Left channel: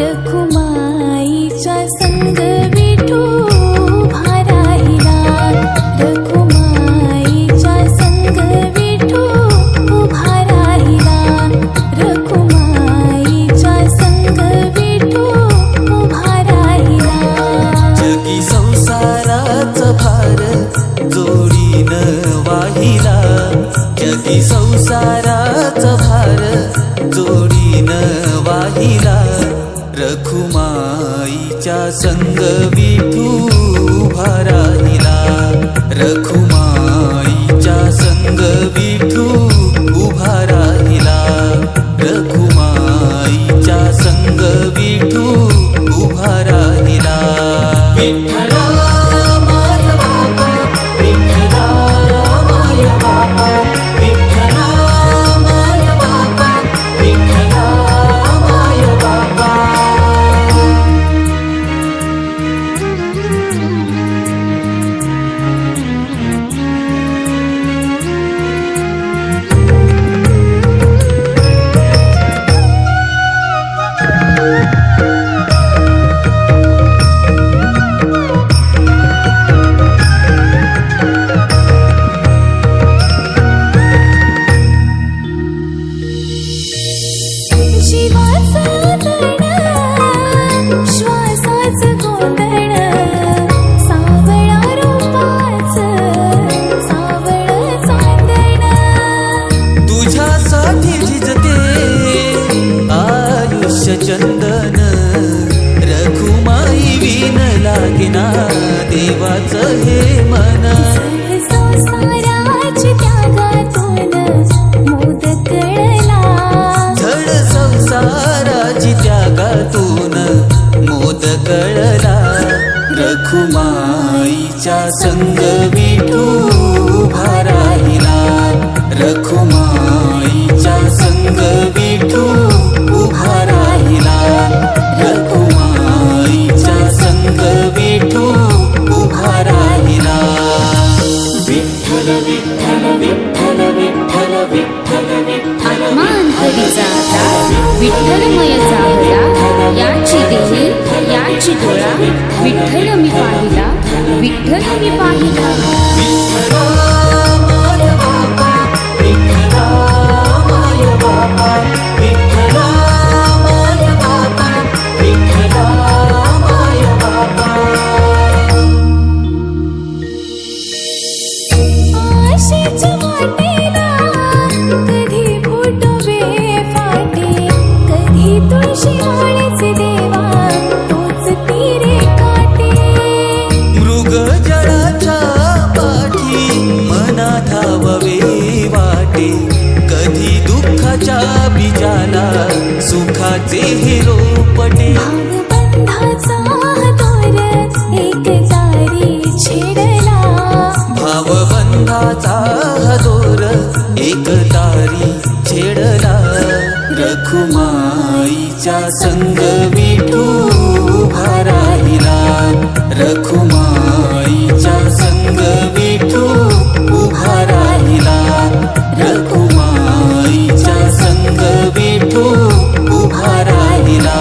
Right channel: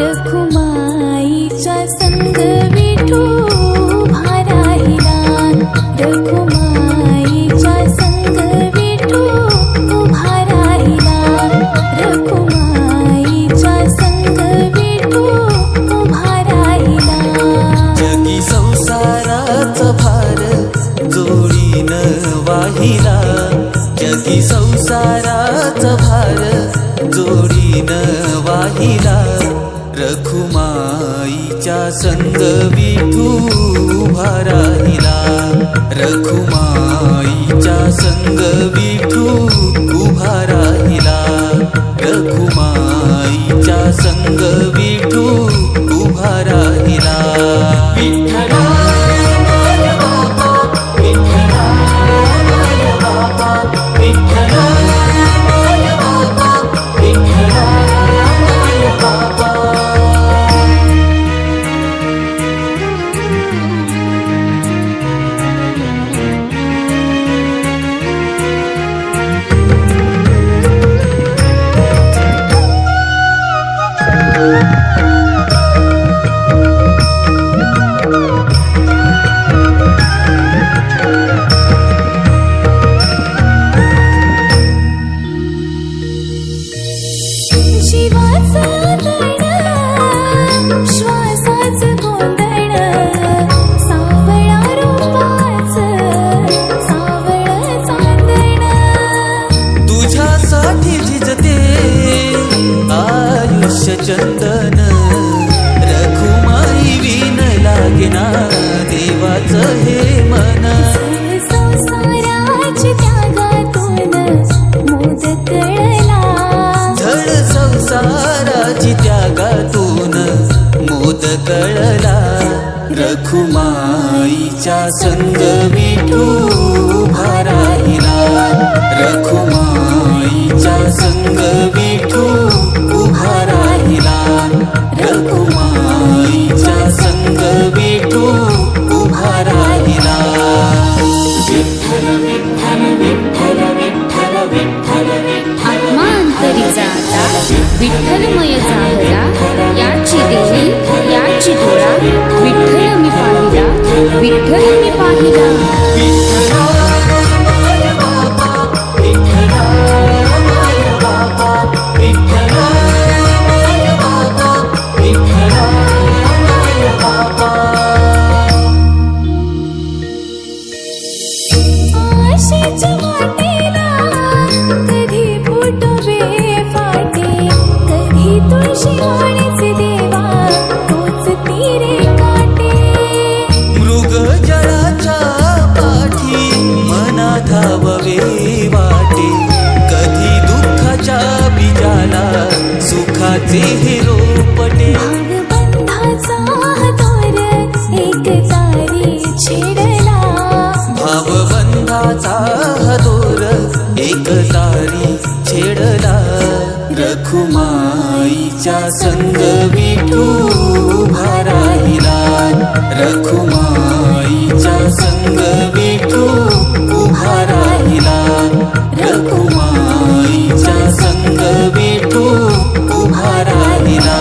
रखुमाईच्या संग विठू उभा राहिला, रखुमाईच्या संग विठू उभा राहिला, रखुमाईच्या संग विठू उभा राहिला। जगी संसाराचा भार जोडीनं वाहिला, जगी संसाराचा भार जोडीनं वाहिला, रखुमाईच्या संग विठू उभा राहिला, रखुमाईच्या संग विठू उभा राहिला, रखुमाईच्या संग विठू उभा राहिला। जीवाचं तण श्वासाचं गोंधण, सावळा रूपाचं सावळ चांदण, तुझ्यासाठी झिजते आयुष्य चंदन, रखुमाई विन लागेना देवाचं हे मन। संसाराची त्यागातून मोद कळला, झड संसाराची त्यागातून मोद कळला, रखुमाईच्या संग विठू उभा राहिला, रखुमाईच्या संग विठू उभा राहिला, रखुमाईच्या संग विठू उभा राहिला। आत्मांतरी जाता विठ्ठलमय जाहला, याची देही याची डोळा, विठ्ठल मी पाहिला, विठ्ठल मी पाहिला। आशेच्या वाटेला कधी फुटवे फाटे, कधी तुळशी माळेचे देवा तोच तीरे काटे, मृग जळाच्या पाठी मना धाववे वाटे, कधी दुःखाच्या बीजाला सुखाचे हे रोपटे, भावबंधाचा दोर एक तारी छेडला, भावबंधाचा दोर एक तारी छेडला, रखुमाईच्या संग विठू उभा राहिला, रखुमाईच्या संग विठू उभा राहिला, रखुमाईच्या संग विठू उभा राहिला।